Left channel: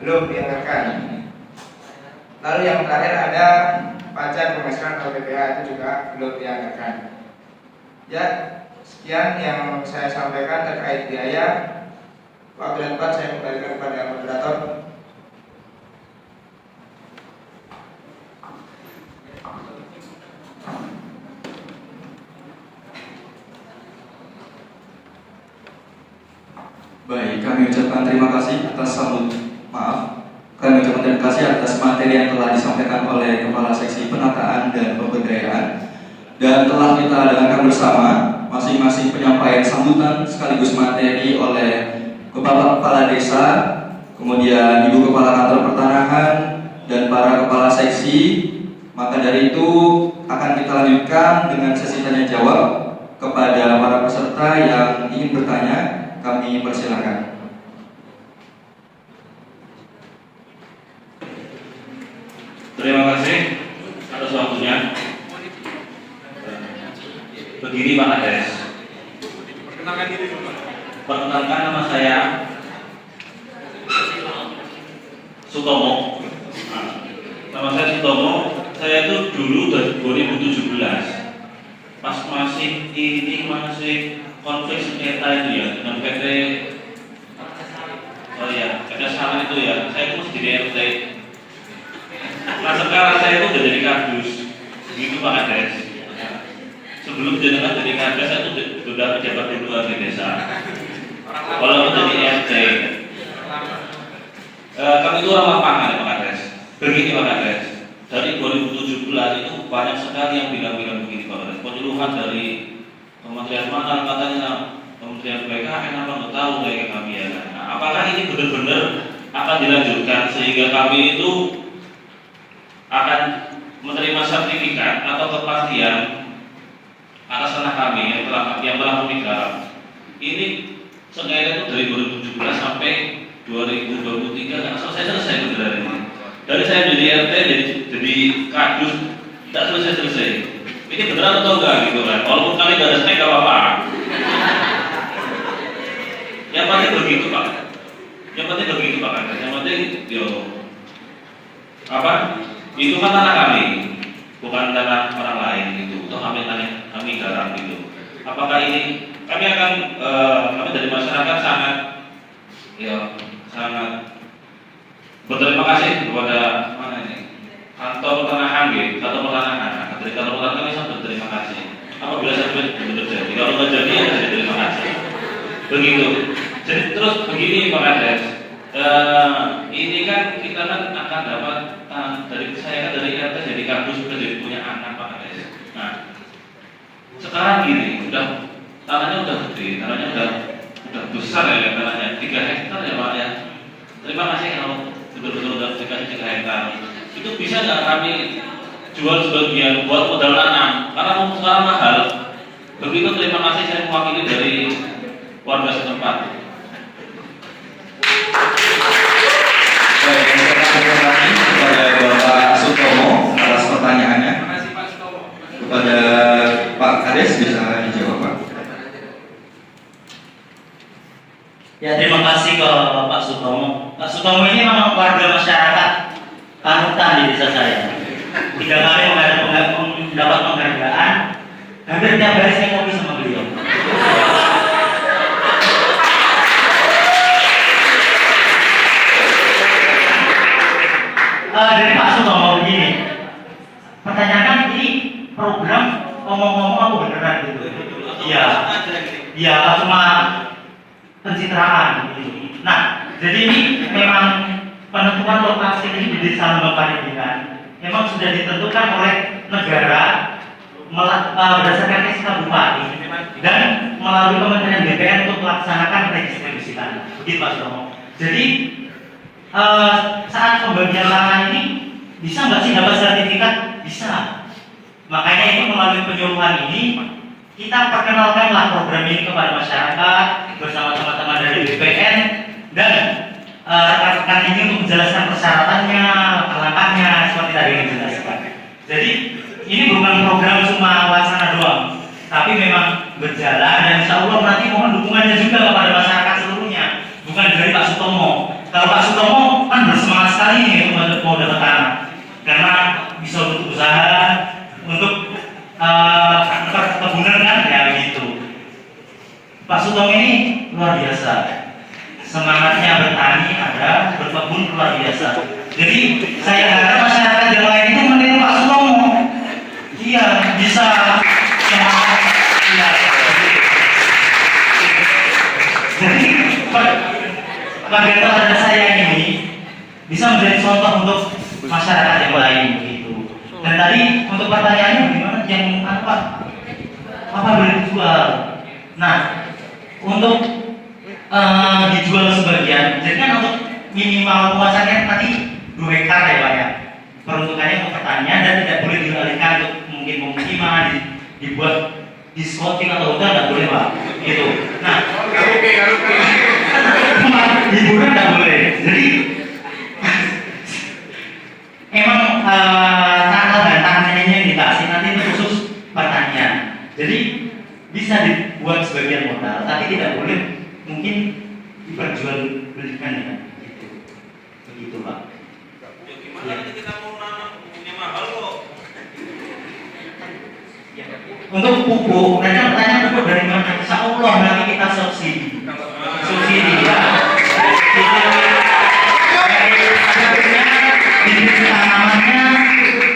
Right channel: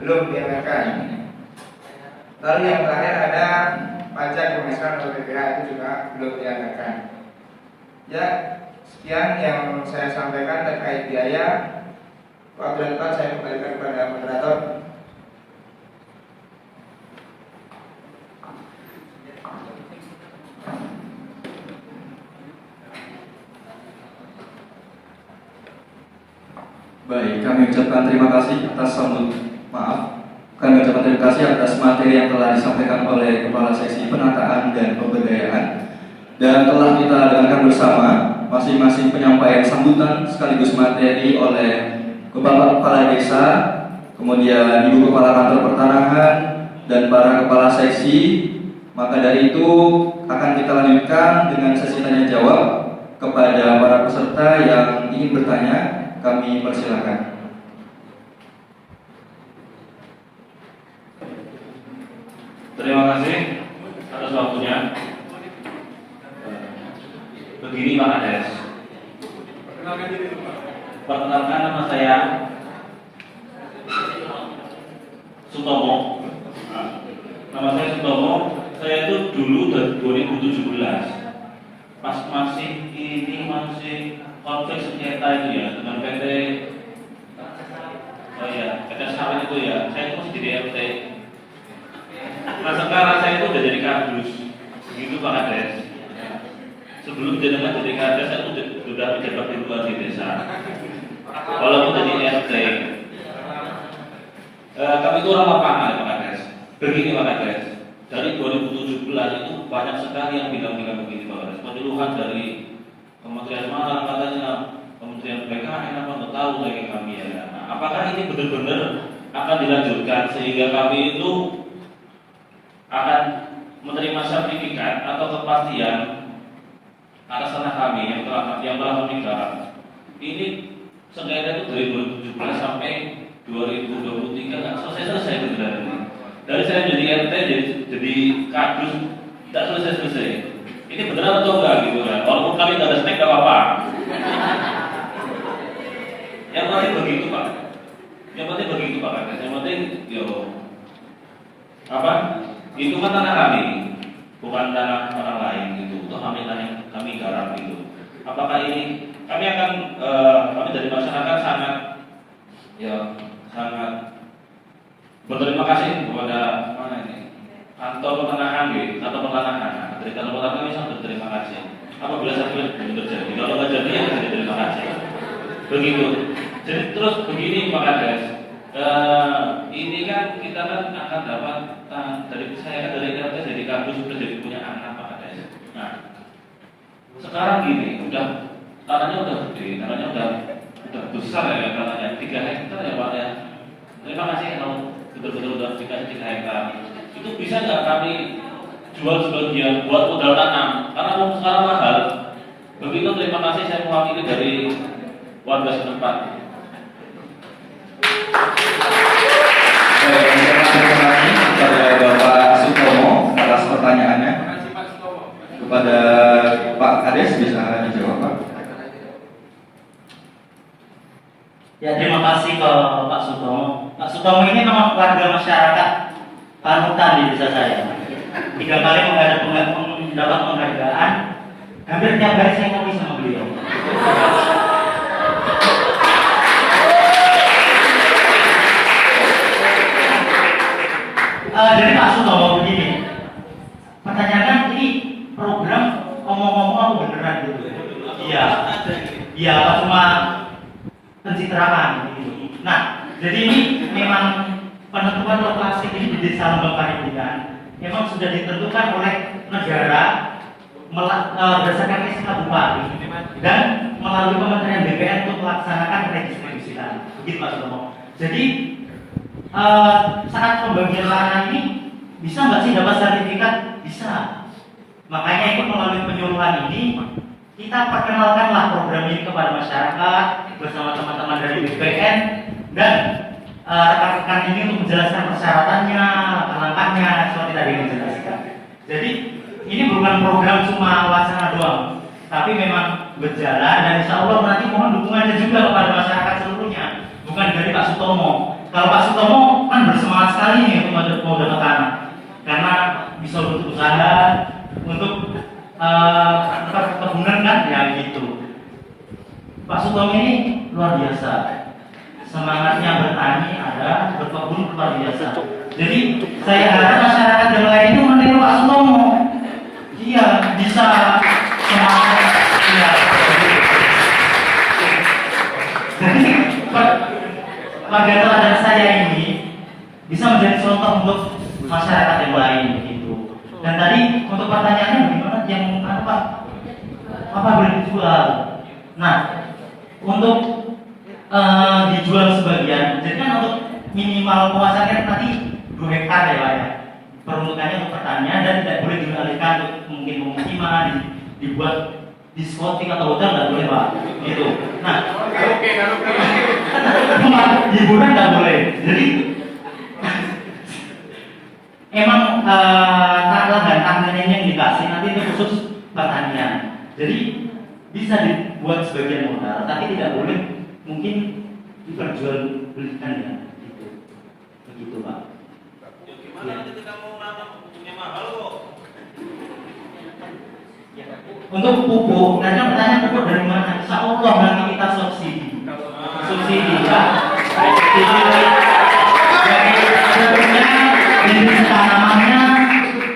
belum dianggarkan. Lalu yang terakhir ada pajak pemasukan atau PPh itu juga belum dianggarkan. Ya, sekian yang saya sampaikan terkait biaya. Waktu yang tepat saya kembalikan kepada moderator. Baik, kami ucapkan terima kasih atas kami ucapkan terima kasih atas materi yang telah disampaikan oleh Kepala Seksi Penataan dan Pemberdayaan, dan telah kita dengarkan bersama masing-masing penyampaian sambutan sekaligus materi oleh Kepala Desa, kemudian Ibu Kepala Kantor Pertanahan, dan para Kepala Seksi. Maka dari itu akan kita lanjutkan dengan sesi tanya jawab kepada para peserta yang ingin bertanya. Kami persilakan. Terima kasih atas waktunya. Begini Pak Kades, perkenalkan nama saya Sutomo. Nama saya Sutomo. Saya itu dulu dari 2017 pas masih konflik sengketa itu ya dengan PT PT Salam itu ya, saya itu masih jadi RT. Nah sekarang saya itu udah jadi kardus, begitu Pak Kades. Sebelum jenengan jadi kardus saya itu sudah pejabat kedua di desa, walaupun jadi RT. Kami itu orang lapangan ya Pak Kades. Begini Pak Kades, dari 2017 itu banyak sekali yang bilang-bilang begini Pak Kades, penyuluhan dari Kementerian mana katanya, Kementerian PKN apa nggak tahu kayak kami ya. Nah, apakah ini benar-benar akan dilanjutkan sehingga kami itu akan menerima sertifikat atau kepastian atas tanah kami yang telah kami garap? Ini sengketa itu dari 2017 sampai 2023 nggak selesai sebenarnya. Dari saya jadi RT jadi kadus tidak selesai. Ini beneran atau enggak gitu kan? Walaupun kami nggak ada snack nggak apa-apa. Yang penting begitu Pak. Yang penting itu kan tanah kami, bukan tanah orang lain gitu. Itu kami garap gitu. Apakah ini kami dari masyarakat sangat berterima kasih kepada kantor pertanahan gitu, kantor pertanahan. Dari kantor pertanahan kami sangat berterima kasih. Apabila saya terjadi, kalau nggak jadi ya saya terima kasih. Begitu. Jadi terus begini Pak Kades, ini kan kita kan akan dapat dari RT jadi kardus sudah jadi punya anak Pak Kades. Nah sekarang gini, tanahnya udah gede, tanahnya udah besar ya tanahnya 3 hektar ya Pak ya. Terima kasih kalau betul-betul udah dikasih 3 hektar. Itu bisa nggak kami jual sebagian buat modal tanam? Karena sekarang mahal. Begitu, terima kasih, saya mewakili dari warga setempat. Baik, terima kasih kepada Bapak Sutomo atas pertanyaannya. Kepada Pak Kades bisa dijawab Pak. Ya, terima kasih ke Pak Sutomo. Pak Sutomo ini memang warga masyarakat panutan di desa saya. 3 kali mendapat penghargaan. Hampir tiap hari saya ngopi sama beliau. Dari Pak Sutomo begini, pertanyaan ini program ngomong-ngomong apa beneran gitu? Iya, apa cuma pencitraan gitu. Nah, jadi ini memang penentuan lokasi di desa Lembang Parindikan memang sudah ditentukan oleh negara berdasarkan SK Bupati dan melalui Kementerian BPN untuk melaksanakan redistribusi tanah. Begitu Pak Sutomo. Jadi saat pembagian tanah ini bisa nggak sih dapat sertifikat? Bisa. Makanya ini melalui penyuluhan ini kita perkenalkanlah program ini kepada masyarakat bersama teman-teman dari BPN dan rekan-rekan ini untuk menjelaskan persyaratannya, langkahnya seperti tadi yang dijelaskan. Jadi ini bukan program cuma wacana doang, tapi memang berjalan dan insya Allah nanti mohon dukungannya juga kepada masyarakat seluruhnya, bukan dari Pak Sutomo. Kalau Pak Sutomo kan bersemangat sekali nih untuk mau dapat tanah, karena bisa untuk usaha, untuk perkebunan kan ya gitu. Pak Sutomo ini luar biasa, semangatnya bertani ada, berkebun luar biasa. Jadi saya harap masyarakat yang lain itu meniru Pak Sutomo. Iya bisa semangat. Iya. Jadi Pak Gatot dan saya ini bisa menjadi contoh untuk masyarakat yang lain begitu. Dan tadi untuk pertanyaannya gimana yang apa boleh dijual? Nah, untuk dijual sebagian, jadi kan untuk minimal luasannya nanti 2 hektar ya Pak ya. Peruntukannya untuk pertanian dan tidak boleh dialihkan untuk mungkin pemukiman, dibuat diskotik atau hotel nggak boleh Pak, gitu. Nah, hiburan nggak boleh. Jadi emang tanahnya yang dikasih nanti itu khusus pertanian. Jadi bisa dibuat sebagian modal, tapi tidak boleh mungkin diperjualbelikan ya, gitu. Begitu Pak. Ya, gimana nanti kita mau nanam punya mahal kok? Untuk pupuk, nanti pertanyaan pupuk dari mana? Insya Allah nanti kita subsidi ya. Subsidi bibit tanamannya,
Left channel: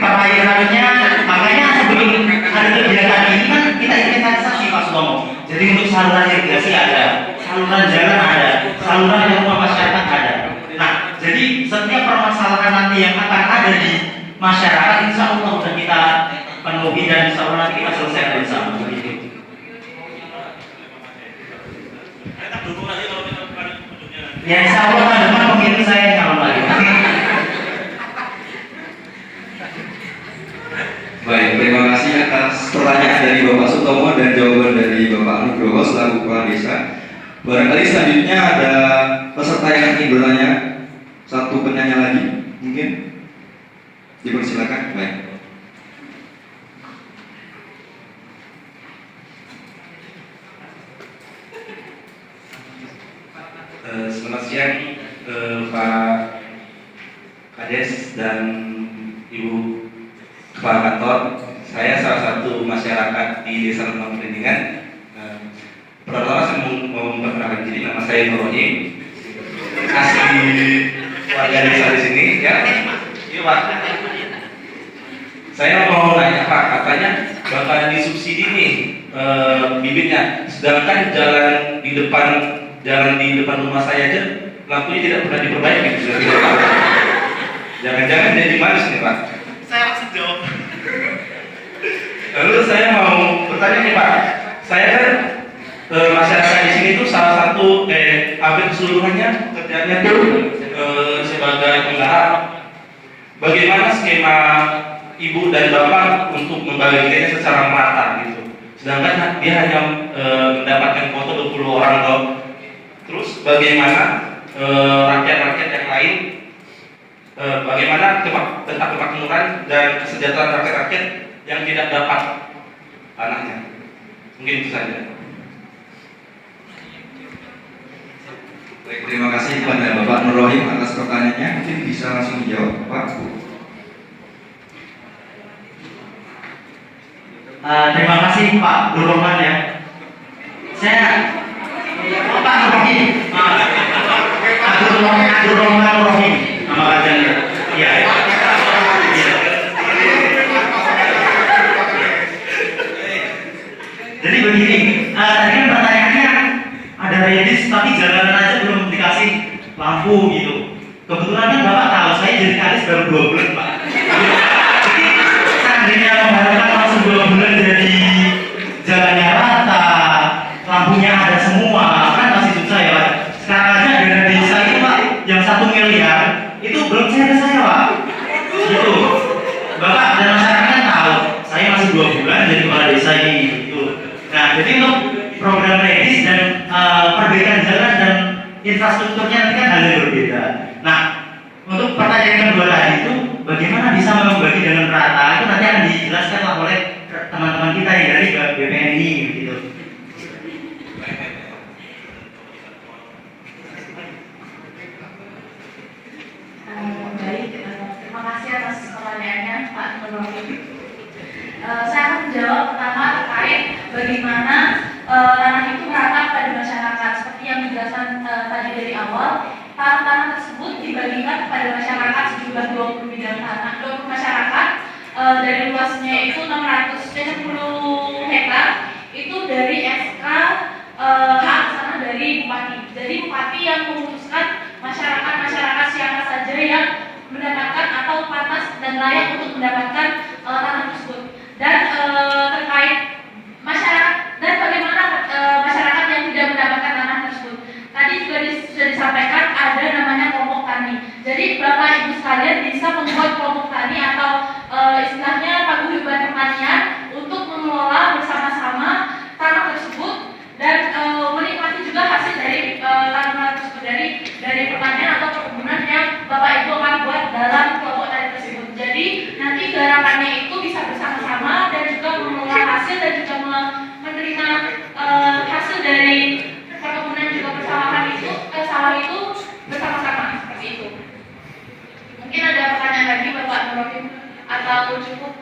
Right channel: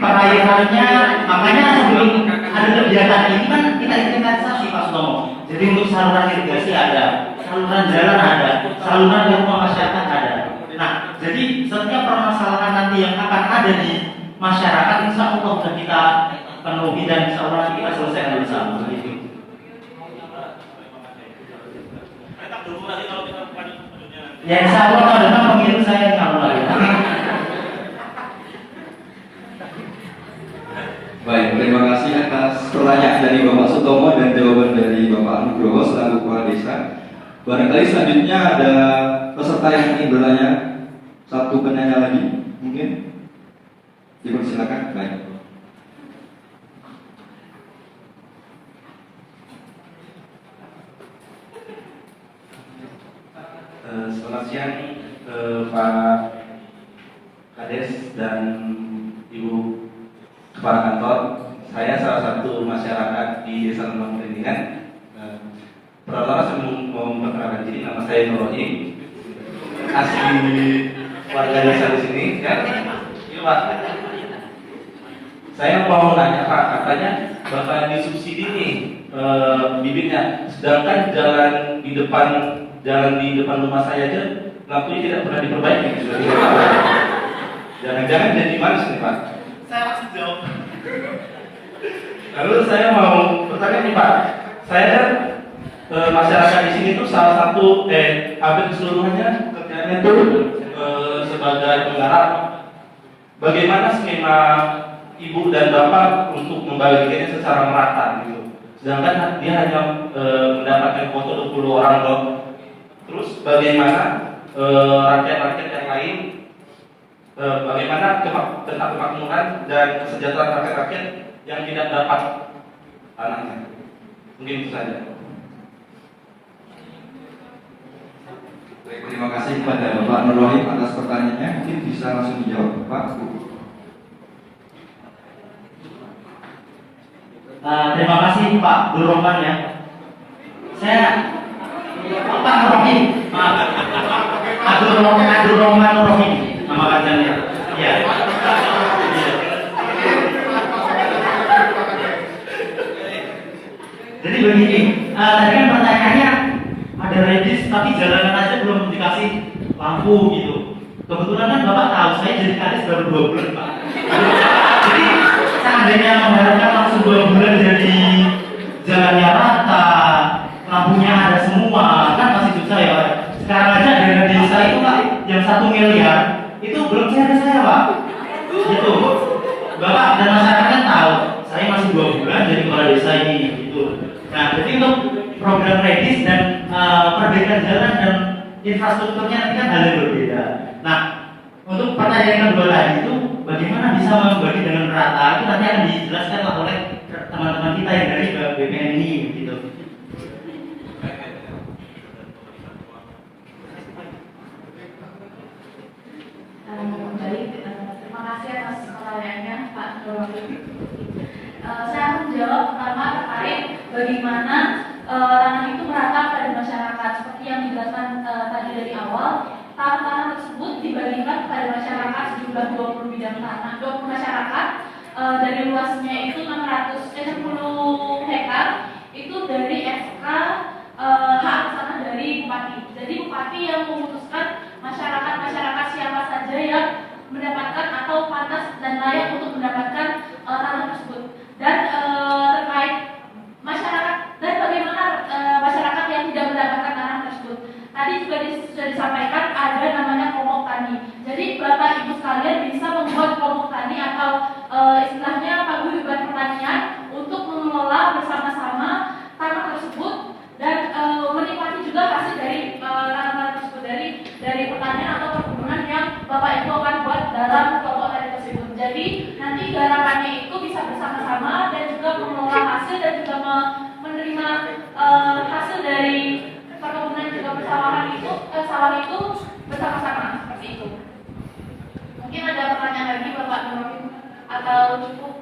perairannya. Makanya sebelum ada kegiatan ini kan kita inventarisasi Pak Sutomo. Jadi untuk saluran irigasi ada, saluran jalan ada, saluran rumah masyarakat ada. Nah, jadi setiap permasalahan nanti yang akan ada di masyarakat insya Allah sudah kita penuhi dan insya Allah nanti kita selesaikan bersama. Begitu. Ya insya Allah tahun depan pemilu saya calon lagi. Baik, terima kasih atas pertanyaan dari Bapak Sutomo dan jawaban dari Bapak Nugroho selaku Kepala Desa. Barangkali selanjutnya ada peserta yang ingin bertanya, satu penanya lagi, mungkin dipersilakan. Baik. Selamat siang Pak Kades dan Ibu Kepala Kantor. Saya salah satu masyarakat di Desa Lemah Perlindungan. Pertama saya mau memperkenalkan diri, nama saya Nurrohim, asli warga desa di sini ya. Iya Pak. Saya mau nanya Pak, katanya bakalan disubsidi nih bibitnya, sedangkan jalan di depan rumah saya aja lampunya tidak pernah diperbaiki, sudah tidak tahu. Jangan-jangan jadi manis nih Pak. Saya langsung jawab. Lalu saya mau bertanya nih Pak, saya masyarakat di sini tuh salah satu hampir keseluruhannya kerjanya tuh sebagai penggarap. Bagaimana skema Ibu dan Bapak untuk membagikannya secara merata gitu? Sedangkan dia hanya mendapatkan foto 20 orang loh. Terus bagaimana rakyat-rakyat yang lain, bagaimana tentang kemakmuran dan kesejahteraan rakyat-rakyat yang tidak dapat tanahnya? Mungkin itu saja. Baik, terima kasih kepada Bapak Nurrohim atas pertanyaannya. Mungkin bisa langsung dijawab Pak. Terima kasih Pak Nurrohman ya. Saya Pak Nurrohim, Abdul Rahman Nurrohim nama kajiannya. Iya. Jadi begini, tadi kan pertanyaannya ada medis tapi jalanan aja belum dikasih lampu gitu. Kebetulan kan Bapak tahu saya jadi kadis baru 2 bulan Pak. Jadi seandainya mengharapkan langsung 2 bulan jadi jalannya rata, lampunya ada semua, kan masih susah ya Pak. Sekarang aja dana desa itu Pak yang 1 miliar itu belum cair ke saya Pak. Gitu. Bapak dan masyarakat kan tahu saya masih 2 bulan jadi kepala desa ini gitu. Nah, jadi untuk program medis dan perbaikan jalan dan infrastrukturnya nanti kan hal yang berbeda. Nah, untuk pertanyaan yang kedua tadi itu bagaimana bisa membagi dengan rata itu nanti akan dijelaskan oleh teman-teman kita yang dari BPNI gitu. Saya akan menjawab pertama terkait bagaimana tanah itu merata pada masyarakat. Seperti yang dijelaskan tadi dari awal, tanah-tanah tersebut dibagikan kepada masyarakat sejumlah 20 bidang tanah, 20 masyarakat dari luasnya itu 660 hektar. Itu dari SK hak tanah dari bupati. Jadi bupati yang memutuskan masyarakat siapa saja yang mendapatkan atau pantas dan layak untuk mendapatkan tanah tersebut. Dan terkait masyarakat dan bagaimana masyarakat yang tidak mendapatkan tanah tersebut. Tadi juga sudah disampaikan ada namanya kelompok tani. Jadi Bapak Ibu sekalian bisa membuat kelompok tani atau istilahnya paguyuban pertanian untuk mengelola bersama-sama tanah tersebut dan menikmati juga hasil dari tanah tersebut dari pertanian atau perkebunan yang Bapak Ibu akan buat dalam kelompok tani tersebut. Jadi nanti garapannya itu bisa bersama-sama dan juga mengelola hasil dan juga menerima hasil dari perkebunan juga bersama itu bersama-sama seperti itu. Mungkin ada pertanyaan lagi Bapak Nurul atau cukup?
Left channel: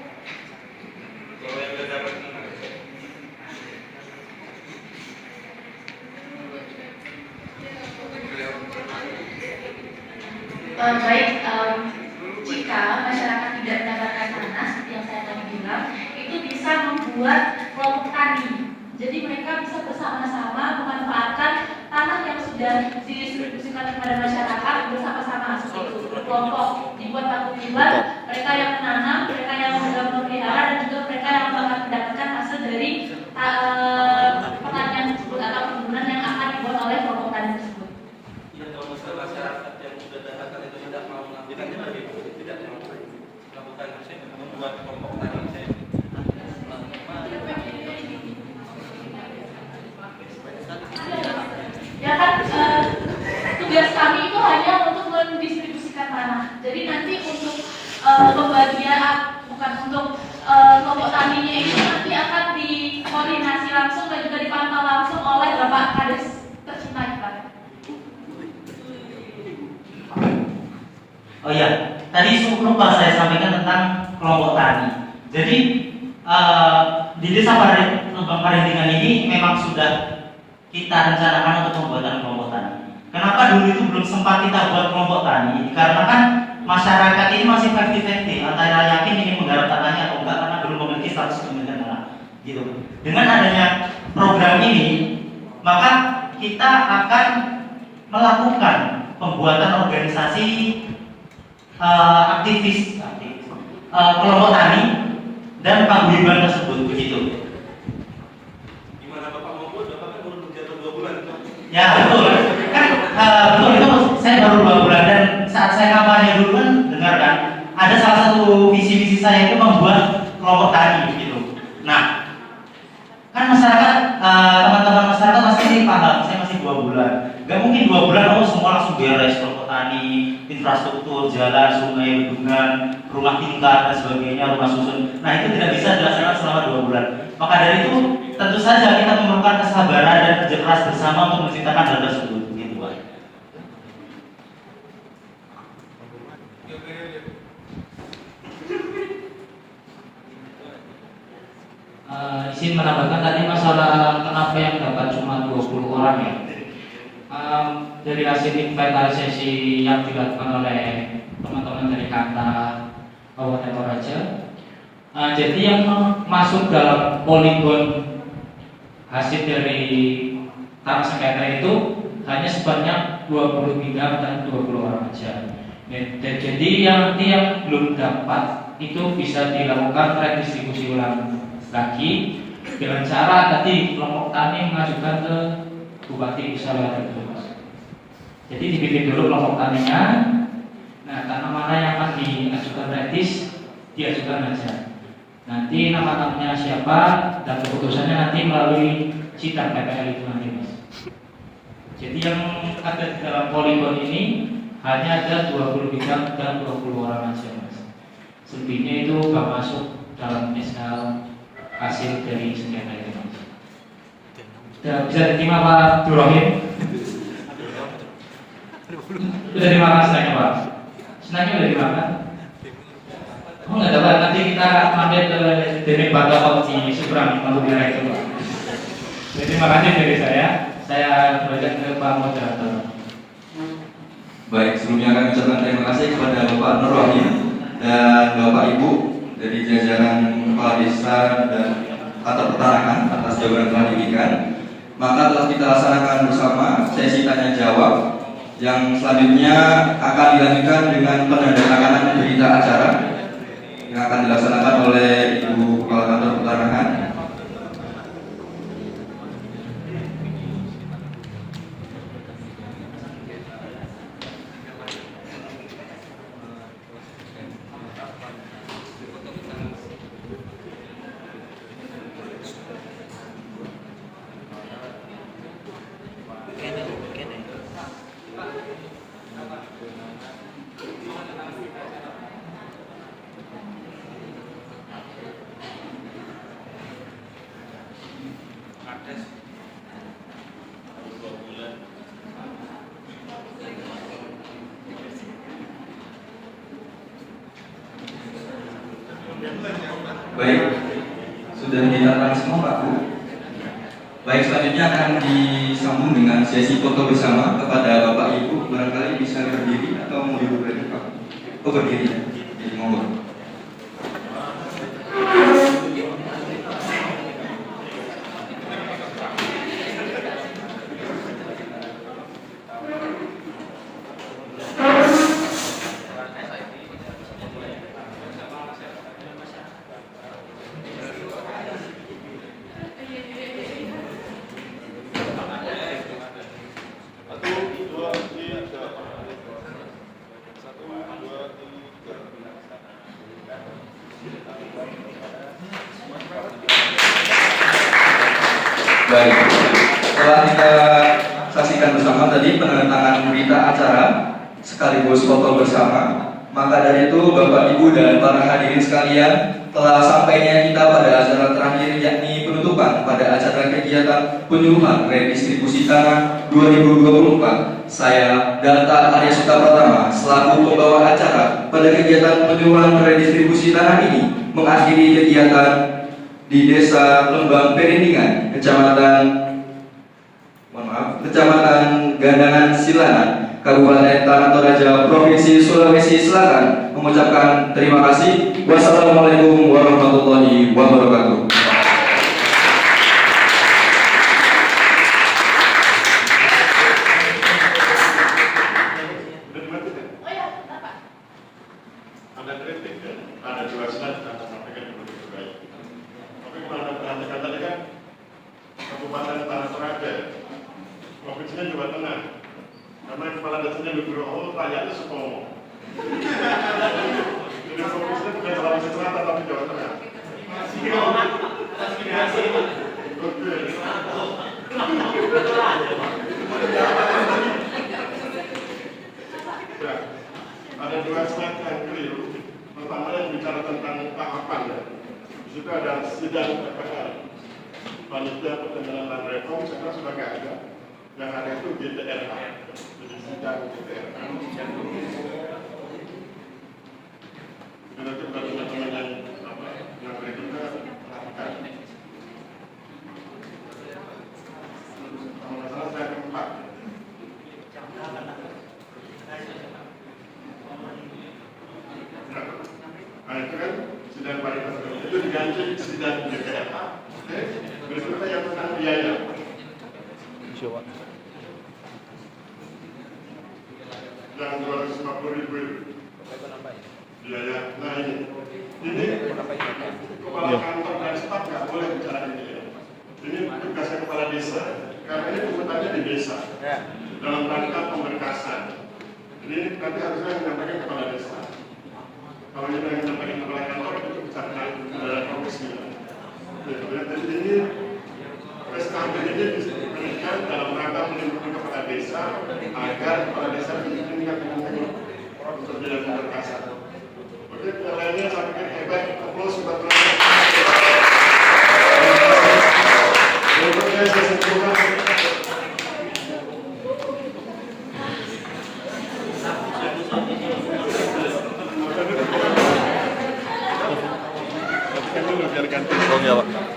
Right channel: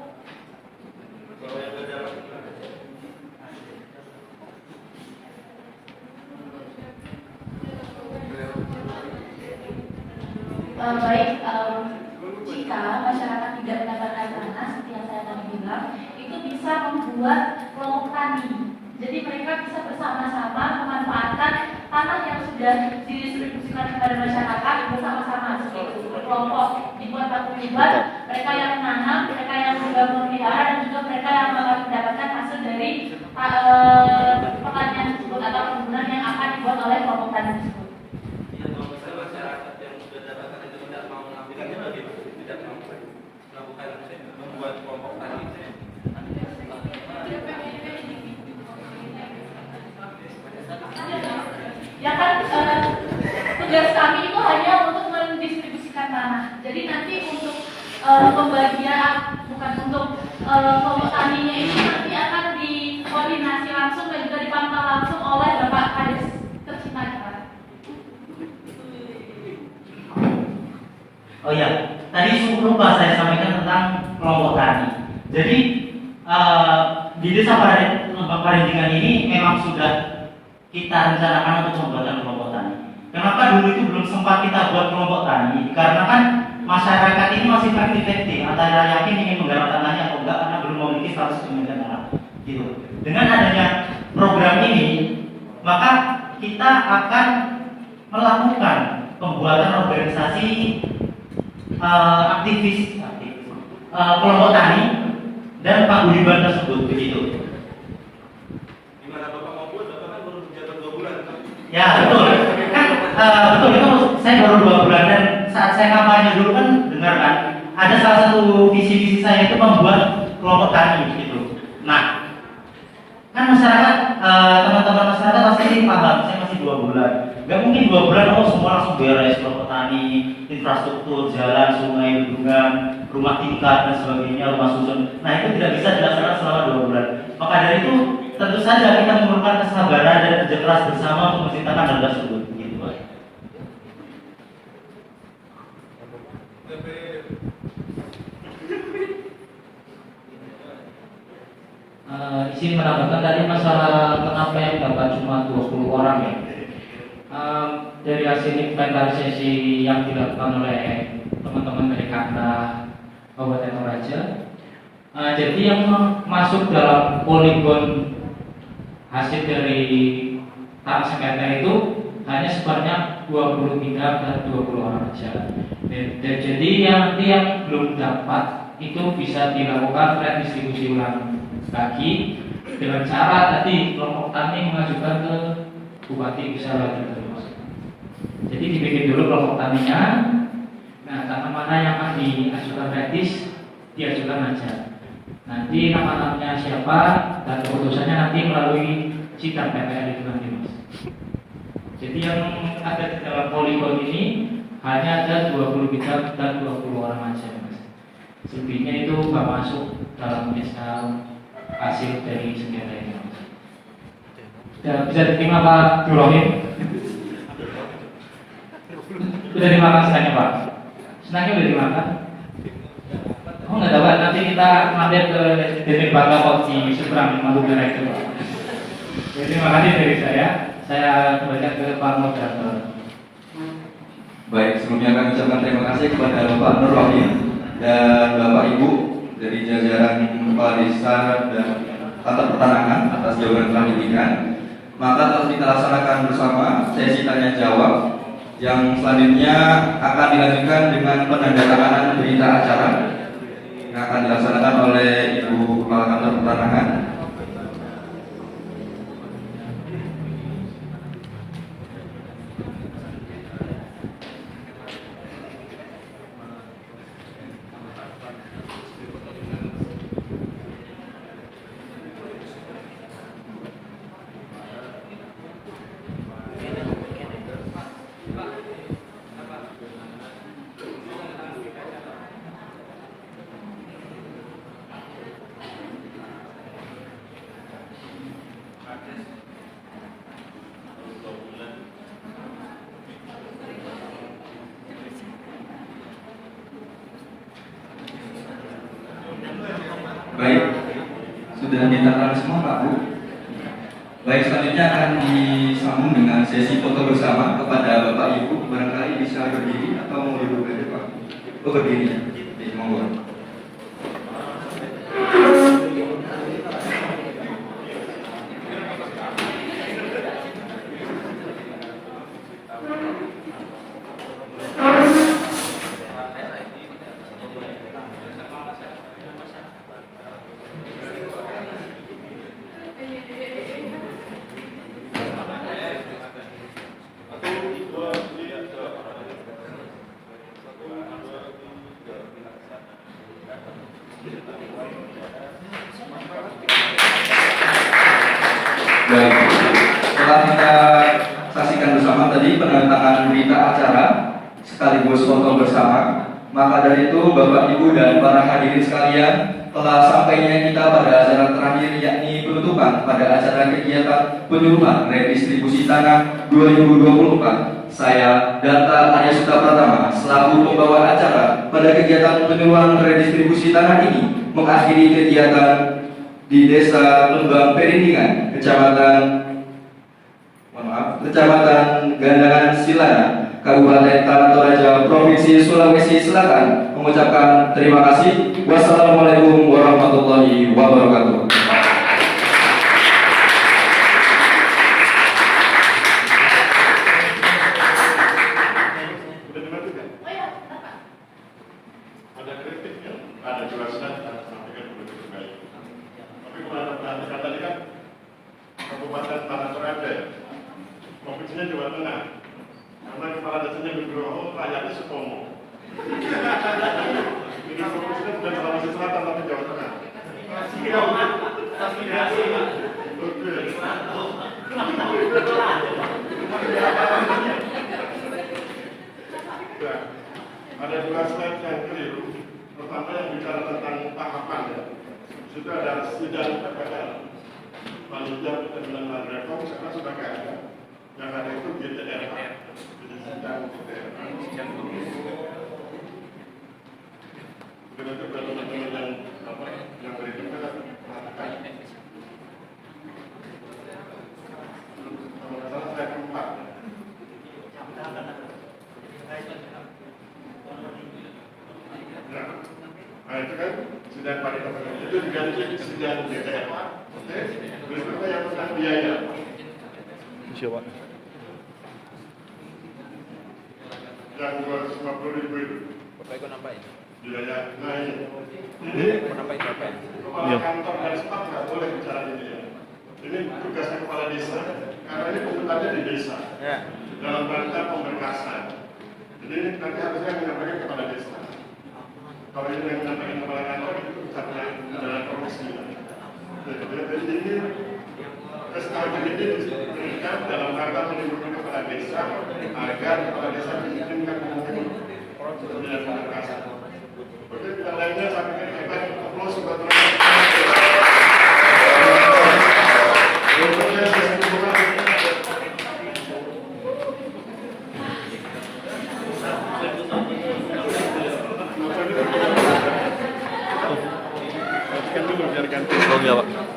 Baik, jika masyarakat tidak mendapatkan tanah seperti yang saya tadi bilang, itu bisa membuat kelompok tani. Jadi mereka bisa bersama-sama memanfaatkan tanah yang sudah didistribusikan kepada masyarakat bersama-sama seperti itu. Berkelompok dibuat paguyuban, mereka yang menanam, mereka yang memelihara, dan juga mereka yang akan mendapatkan hasil dari pertanian tersebut atau perkebunan yang akan dibuat oleh kelompok tani tersebut. Masyarakat yang sudah dapatkan itu tidak mau mengambilkannya bagaimana? Tidak mau melakukan membuat kelompok tani. Ya kan tugas kami itu hanya untuk mendistribusikan tanah. Jadi nanti untuk pembagian bukan untuk kelompok taninya itu nanti akan dikoordinasi langsung dan juga dipantau langsung oleh Bapak Kades tercinta kita. Oh iya, tadi lupa saya sampaikan tentang kelompok tani. Jadi di desa Parindingan ini memang sudah kita rencanakan untuk pembuatan kelompok tani. Kenapa dulu itu belum sempat kita buat kelompok tani? Karena kan masyarakat ini masih 50-50 antara yakin ingin menggarap tanahnya atau enggak karena belum memiliki status kepemilikan tanah. Gitu. Dengan adanya program ini, maka kita akan melakukan pembuatan organisasi aktivis kelompok tani dan paguyuban tersebut begitu. Gimana Bapak mau buat? Bapak kan baru jatuh 2 bulan. Ya betul, kan betul itu saya baru 2 bulan dan saat saya kampanye dulu kan dengar kan ada salah satu visi-visi saya itu membuat kelompok tani gitu. Nah, kan masyarakat teman-teman masyarakat pasti paham saya masih 2 bulan. Gak mungkin 2 bulan semua langsung beres kelompok tani, infrastruktur, jalan, sungai, bendungan, rumah tingkat dan sebagainya, rumah susun. Nah itu tidak bisa dilaksanakan selama 2 bulan. Maka dari itu tentu saja kita memerlukan kesabaran dan kerja keras bersama untuk menciptakan hal tersebut. Begitu. Izin menambahkan tadi masalah kenapa yang dapat cuma 20 orang ya. Dari hasil inventarisasi yang dilakukan oleh teman-teman dari Kanta Kabupaten Toraja, jadi yang masuk dalam poligon hasil dari tanah sengketa itu hanya sebanyak 20 bidang dan 20 orang saja. Jadi yang belum dapat itu bisa dilakukan redistribusi ulang lagi dengan cara tadi kelompok tani mengajukan ke Bupati Usala gitu. Jadi dibikin dulu kelompok taninya. Nah, tanah mana yang akan diajukan redis diajukan aja. Nanti nama-namanya siapa dan keputusannya nanti melalui sidang PPL itu nanti mas. Jadi yang ada di dalam poligon ini hanya ada 20 bidang dan 20 orang aja mas. Selebihnya itu nggak masuk dalam misal hasil dari sengketa itu mas. Ya, bisa diterima Pak Durohim? Sudah dimakan senangnya Pak? Senangnya sudah dimakan? Oh nggak dapat, nanti kita mampir ke DP Bakal di Seberang Madura itu. Jadi terima kasih dari saya kembalikan ke Pak Moderator. Baik, sebelumnya kami ucapkan terima kasih kepada Bapak Nur Rohim dan Bapak Ibu dari jajaran Kepala Desa dan Kantor Pertanahan atas jawaban telah diberikan. Maka telah kita laksanakan bersama sesi tanya jawab yang selanjutnya akan dilanjutkan dengan penandatanganan berita acara yang akan dilaksanakan oleh Ibu Kepala Kantor Pertanahan. Baik, sudah ditandakan semua Pak Bu. Baik, selanjutnya akan disambung dengan sesi foto bersama kepada Bapak Ibu. Barangkali bisa berdiri atau mau duduk di depan? Oh berdiri, jadi monggo. Baik, setelah kita saksikan bersama tadi penandatanganan berita acara sekaligus foto bersama, maka dari itu Bapak Ibu dan para hadirin sekalian, telah sampainya kita pada acara terakhir yakni penutupan pada acara kegiatan penyuluhan redistribusi tanah 2024. Saya Danta Arya Suta Pratama selaku pembawa acara pada kegiatan penyuluhan redistribusi tanah ini mengakhiri kegiatan di Desa Lembang Perindingan, Kecamatan Gandangan Silana, Kabupaten Tanah Toraja, Provinsi Sulawesi Selatan, mengucapkan terima kasih. Wassalamualaikum warahmatullahi wabarakatuh. Oh ya, apa? Ada kritik ya, ada juga sudah kita sampaikan yang begitu baik. Tapi kalau ada perhatikan tadi kan Kabupaten Tanah Toraja, provinsinya Jawa Tengah. Karena kepala desanya Nugroho, rakyatnya Sutomo. Jadi provinsinya bukan Sulawesi Selatan tapi Jawa Tengah. Oke. Ya, ada dua slide yang keliru. Pertama yang bicara tentang tahapan ya. Di situ ada sidang PPL, panitia pertengahan dan reform, karena sudah nggak ada. Yang ada itu GTRA, jadi sidang GTRA. Itu nanti buat teman-teman yang berikutnya perhatikan. Kalau nggak salah saya keempat. Nah itu kan sidang panitia itu diganti sidang GTRA. Oke, berikutnya yang tentang biaya. Yang 250.000 itu. Biaya. Nah ini kepala kantor dan staf nggak boleh bicara ini. Ini tugasnya kepala desa karena ini pungutannya di desa dalam rangka pemberkasan. Jadi nanti harusnya menyampaikan kepala desa. Kalau ini yang menyampaikan kepala kantor itu bisa kena komisi. Jadi ini SKG ini diberikan dalam rangka melindungi kepala desa agar kepala desa diizinkan menangani untuk bidang pemberkasan. Oke, yang lainnya saya pikir hebat. Aplaus buat teman-teman. Berikutnya saya simpulkan. dulu biar ganti. Oh, iya, Pak.